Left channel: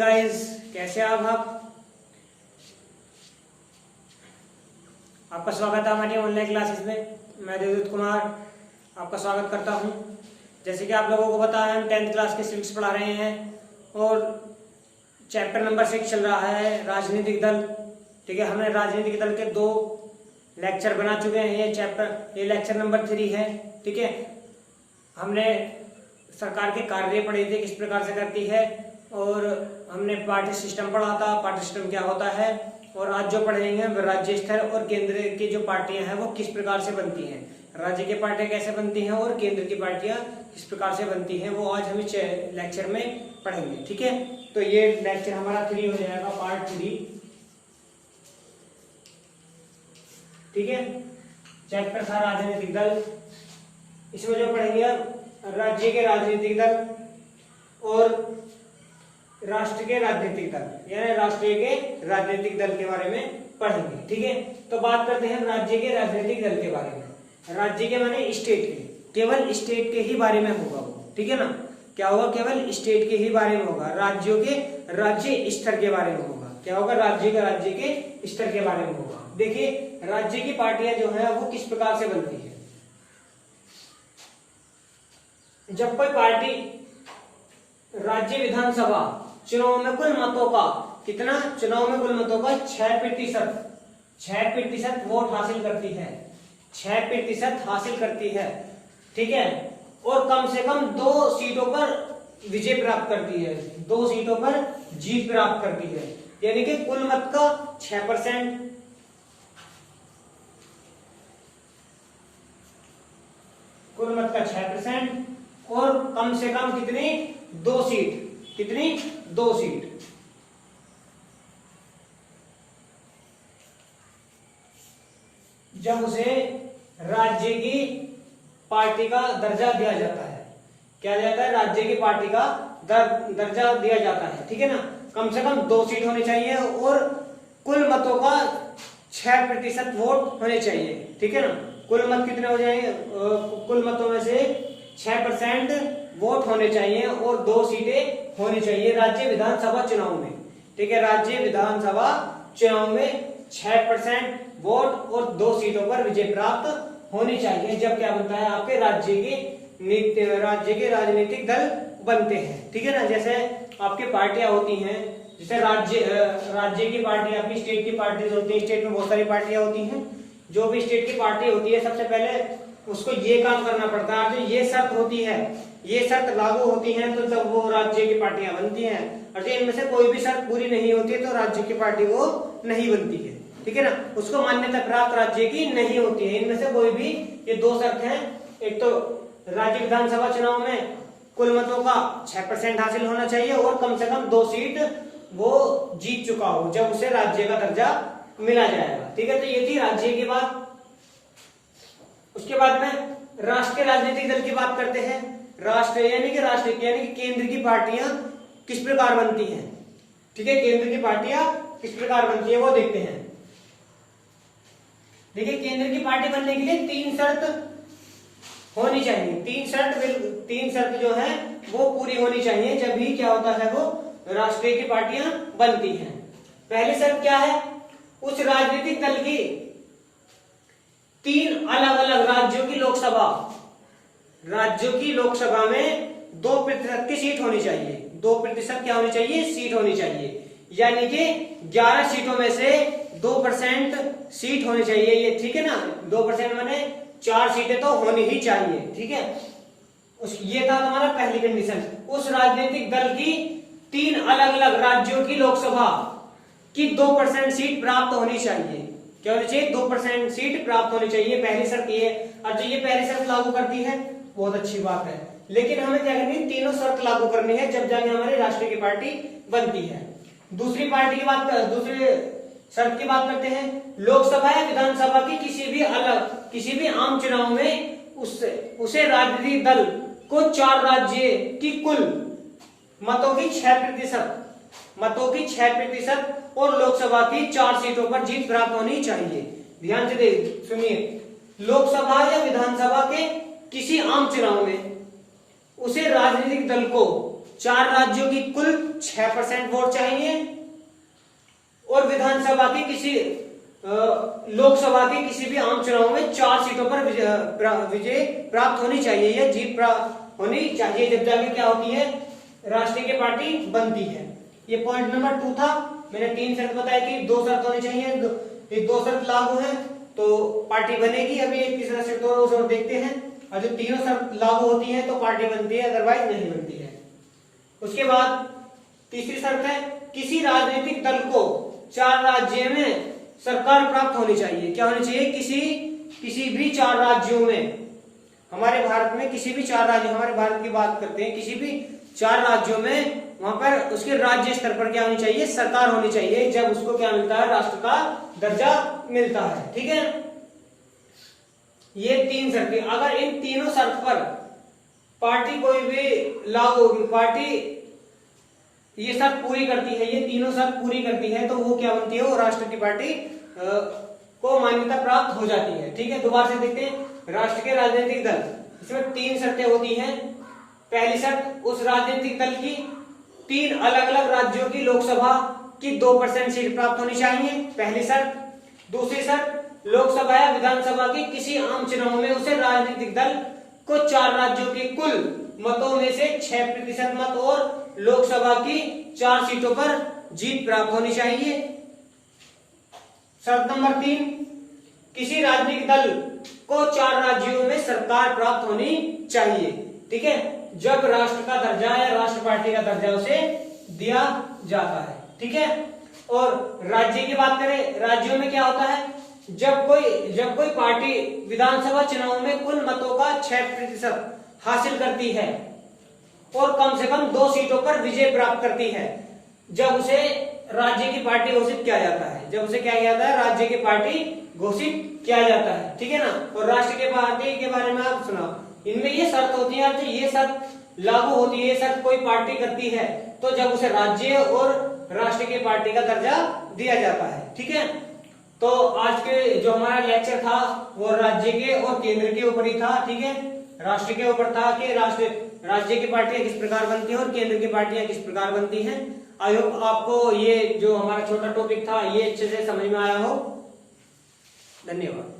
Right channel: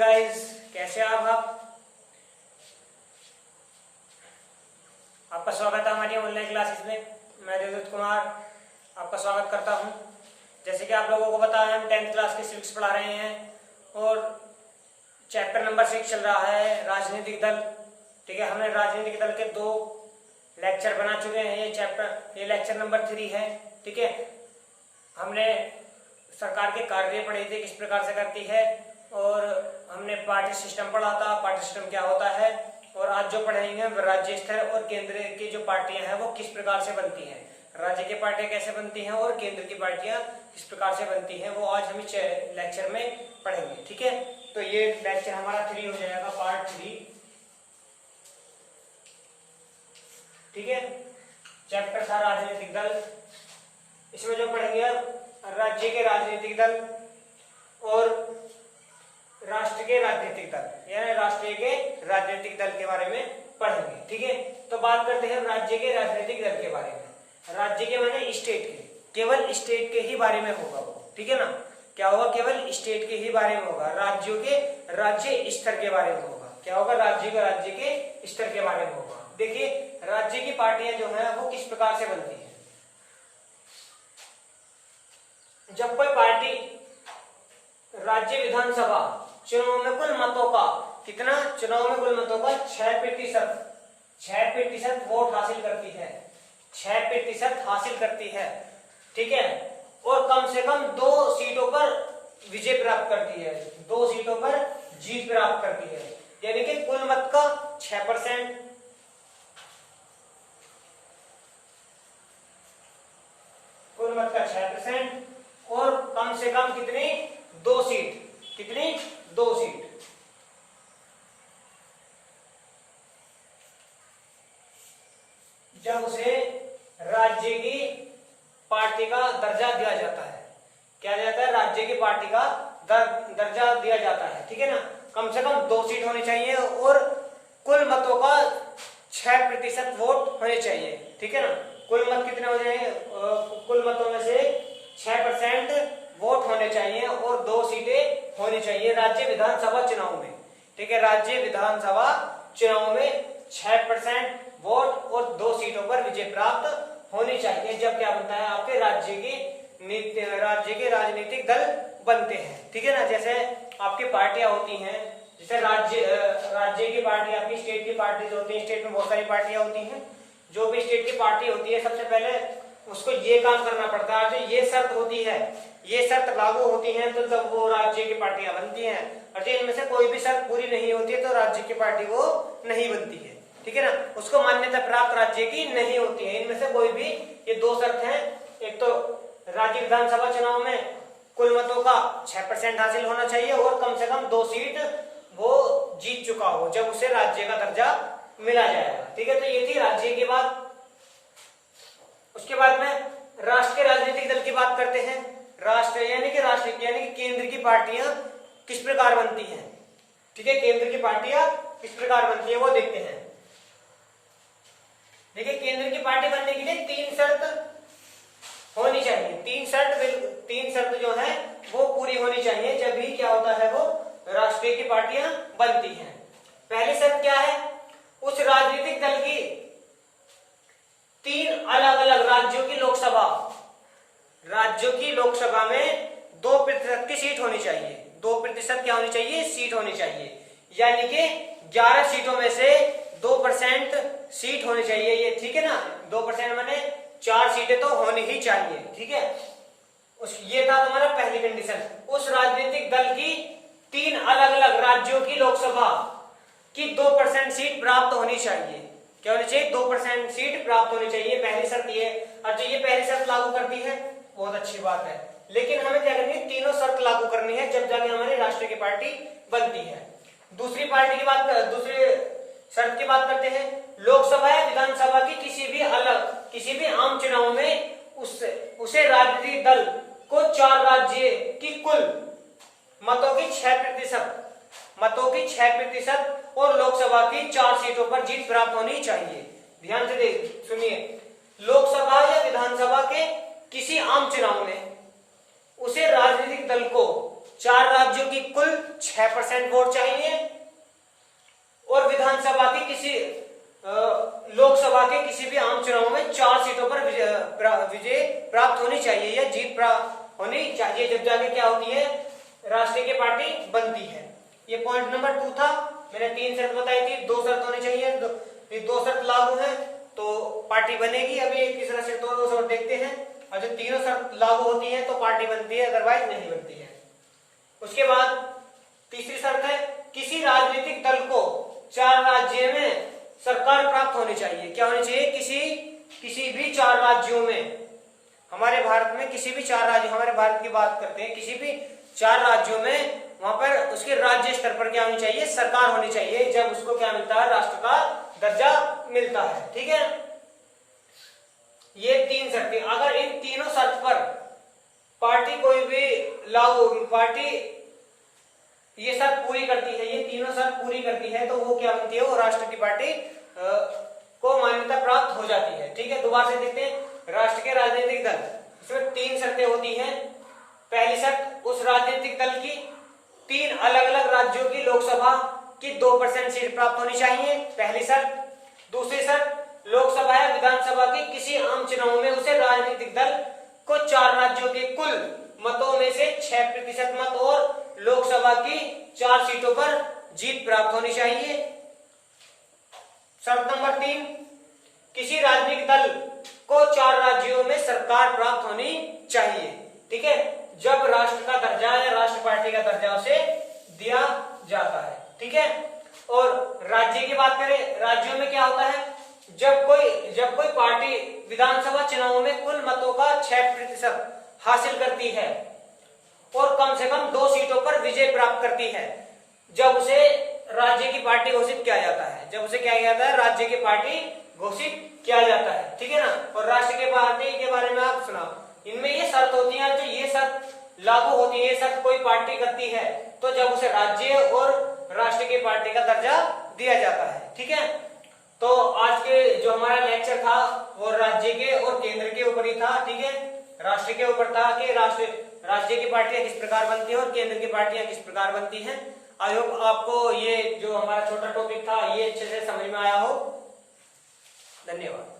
Guys, कैसे आप आपका स्वागत है हमारी ऑनलाइन क्लासेस में। मैं देवदत्त कुमार आपका स्वागत करता हूं। जैसे कि आप लोगों को पता है, हम 10th क्लास के सिविक्स पढ़ा रहे हैं और चैप्टर नंबर 6 चल रहा है राजनीतिक दल। ठीक है, हमने राजनीतिक दल के 2 लेक्चर बना चुके हैं। ये लेक्चर नंबर 3 है। ठीक है, हमने सरकार के कार्य पढ़े थे, किस प्रकार से करती है, और हमने पार्टी सिस्टम पढ़ा था, पार्टी सिस्टम क्या होता है। और आज जो पढ़ेंगे हम राज्य स्तर और केंद्र की जो पार्टियां हैं वो किस प्रकार से बनती हैं, राज्य की पार्टियां कैसे बनती हैं और केंद्र की पार्टियां किस प्रकार से बनती हैं, वो आज हम इस लेक्चर में पढ़ेंगे। ठीक है, तो ये लेक्चर हमारा 3 हो जाएगा, पार्ट 3। ठीक है, चैप्टर था राजनीतिक दल। इसमें जो पढ़ेंगे राज्य के राजनीतिक दल और राष्ट्र के राजनीतिक दल, यानी राष्ट्रीय के राजनीतिक दल के बारे में पढ़ेंगे। ठीक है, तो बात करते हैं राज्य के राजनीतिक दल के बारे में। राज्य के माने स्टेट के, केवल स्टेट के ही बारे में होगा वो। ठीक है ना, क्या होगा, केवल स्टेट के ही बारे में होगा। राज्यों के राज्य स्तर के बारे में होगा। क्या होगा, राज्य का राज्य के स्तर के बारे में होगा। देखिए, राज्य की पार्टियां जो है वो किस प्रकार से बनती है। जब कोई पार्टी राज्य विधानसभा चुनाव में कुल मतों का कितना, चुनाव में कुल मतों का 6% वोट हासिल करती है, 6% हासिल करती है। ठीक है, और कम से कम 2 सीटों पर विजय प्राप्त करती है, 2 सीटों पर जीत प्राप्त करती है, यानी कि कुल मत का 6%, कुल मत का 6% और कम से कम कितनी, 2 सीट, कितनी, 2 सीट। जब उसे राज्य की पार्टी का दर्जा दिया जाता है, क्या दिया जाता है, राज्य की पार्टी का दर्जा दिया जाता है। ठीक है ना, कम से कम 2 सीट होनी चाहिए और कुल मतों का 6% वोट होने चाहिए। ठीक है ना, कुल मत कितने हो जाएंगे, कुल मतों में से 6% वोट होने चाहिए और 2 सीटें होनी चाहिए राज्य विधानसभा चुनाव में। ठीक है, राज्य विधानसभा चुनाव में 6% वोट और 2 सीटों पर विजय प्राप्त होनी चाहिए। जब क्या बनता है, आपके राज्य के राजनीतिक दल बनते हैं। ठीक है ना, जैसे आपकी पार्टियां होती हैं, जैसे राज्य की पार्टी, आपकी स्टेट की पार्टीज होती है। स्टेट में बहुत सारी पार्टियां होती हैं। जो भी स्टेट की पार्टी होती है, सबसे पहले उसको ये काम करना पड़ता है, ये शर्त होती है, ये शर्त लागू होती है तो तब वो राज्य की पार्टियां बनती हैं। और इनमें से कोई भी शर्त पूरी नहीं होती है तो राज्य की पार्टी वो नहीं बनती है। ठीक है ना, उसको मान्यता प्राप्त राज्य की नहीं होती है। इनमें से कोई भी, ये 2 शर्त हैं, एक तो राज्य विधानसभा चुनाव में कुल मतों का 6% हासिल होना चाहिए और कम से कम 2 सीट वो जीत चुका हो जब उसे राज्य का दर्जा मिला जाएगा। ठीक है, तो ये थी राज्य की बात। उसके बाद में राष्ट्र के राजनीतिक दल की बात करते हैं। राष्ट्र यानी कि राष्ट्रीय यानी कि केंद्र की पार्टियां किस प्रकार बनती हैं। ठीक है, केंद्र की पार्टियां किस प्रकार बनती है वो देखते हैं। देखिए, केंद्र की पार्टी बनने के लिए 3 शर्त होनी चाहिए। 3 शर्त जो है वो पूरी होनी चाहिए, जब भी क्या होता है, वो राष्ट्रीय की पार्टियां बनती हैं। पहली शर्त क्या है, उस राजनीतिक दल की 3 अलग अलग राज्यों की लोकसभा में 2% की सीट होनी चाहिए। 2% क्या होनी चाहिए, सीट होनी चाहिए, यानी कि 11 सीटों में से 2% सीट होनी चाहिए। ये ठीक है ना, 2% माने 4 सीटें तो होनी ही चाहिए। ठीक है, ये था तुम्हारा पहली कंडीशन। उस राजनीतिक दल की 3 अलग अलग राज्यों की लोकसभा की 2% सीट प्राप्त होनी चाहिए। क्या होनी चाहिए, 2% सीट प्राप्त होनी चाहिए, पहली शर्त ये। और जो ये पहली शर्त लागू करती है बहुत अच्छी बात है, लेकिन हमें क्या करनी है, तीनों शर्त लागू करनी है जब जाके हमारी राष्ट्रीय की पार्टी बनती है। दूसरी शर्त की बात करते हैं। लोकसभा या विधानसभा की किसी भी आम चुनाव में उसे राजनीतिक दल को 4 राज्य की कुल मतों की 6% और लोकसभा की 4 सीटों पर जीत प्राप्त होनी चाहिए। ध्यान से सुनिए, लोकसभा या विधानसभा के किसी आम चुनाव में उसे राजनीतिक दल को 4 राज्यों की कुल 6% वोट चाहिए और विधानसभा की किसी लोकसभा के किसी भी आम चुनाव में 4 सीटों पर विजय प्राप्त होनी चाहिए या जीत प्राप्त होनी चाहिए, जब जाके क्या होती है, राष्ट्रीय की पार्टी बनती है। ये पॉइंट नंबर 2 था। मैंने 3 शर्त बताई थी, 2 शर्त होनी चाहिए, ये 2 शर्त लागू है तो पार्टी बनेगी। अभी एक तीसरा शर्त और देखते हैं, और जो तीनों शर्त लागू होती है तो पार्टी बनती है, अदरवाइज नहीं बनती है। उसके बाद तीसरी शर्त है, किसी राजनीतिक दल को 4 राज्य में सरकार प्राप्त होनी चाहिए। क्या होनी चाहिए? किसी भी 4 राज्यों में, हमारे भारत में किसी भी 4 राज्य, हमारे भारत की बात करते हैं, किसी भी 4 राज्यों में वहां पर उसके राज्य स्तर पर क्या होनी चाहिए? सरकार होनी चाहिए, जब उसको क्या मिलता है? राष्ट्र का दर्जा मिलता है। ठीक है, ये 3 शर्तें, अगर इन तीनों शर्त पर पार्टी कोई भी लागू पार्टी ये शर्त पूरी करती है, ये तीनों शर्त पूरी करती है, तो वो क्या बनती है? वो राष्ट्र की पार्टी को मान्यता प्राप्त हो जाती है। ठीक है, दोबारा से देखते हैं, राष्ट्र के राजनीतिक दल, इसमें 3 शर्तें होती हैं। पहली शर्त, उस राजनीतिक दल की 3 अलग अलग राज्यों की लोकसभा की 2% सीट प्राप्त होनी चाहिए, पहली शर्त। दूसरी शर्त, लोकसभा या विधानसभा की किसी आम चुनाव में उसे राजनीतिक दल को 4 राज्यों के कुल मतों में से 6% मत और लोकसभा की 4 सीटों पर जीत प्राप्त होनी चाहिए। शर्त नंबर 3, किसी राजनीतिक दल को 4 राज्यों में सरकार प्राप्त होनी चाहिए। ठीक है, जब राष्ट्र का दर्जा या राष्ट्र पार्टी का दर्जा उसे दिया जाता है। ठीक है, और राज्य की बात करें, राज्यों में क्या होता है? जब कोई पार्टी विधानसभा चुनाव में कुल मतों का 6% हासिल करती है और कम से कम 2 सीटों पर विजय प्राप्त करती है, जब उसे राज्य की पार्टी घोषित किया जाता है। जब उसे क्या किया जाता है? राज्य की पार्टी घोषित किया जाता है। ठीक है ना। और राष्ट्र की पार्टी के बारे में आप सुना, इनमें ये शर्त होती है, जो ये शर्त लागू होती है, ये शर्त कोई पार्टी करती है तो जब उसे राज्य और राष्ट्र की पार्टी का दर्जा दिया जाता है। ठीक है, तो आज के जो हमारा लेक्चर था वो राज्य के और केंद्र के ऊपर ही था। ठीक है, राष्ट्र के ऊपर था कि राज्य की पार्टियां किस प्रकार बनती हैं और केंद्र की पार्टियां किस प्रकार बनती हैं। आई होप आपको ये जो हमारा छोटा टॉपिक था ये अच्छे से समझ में आया हो। धन्यवाद।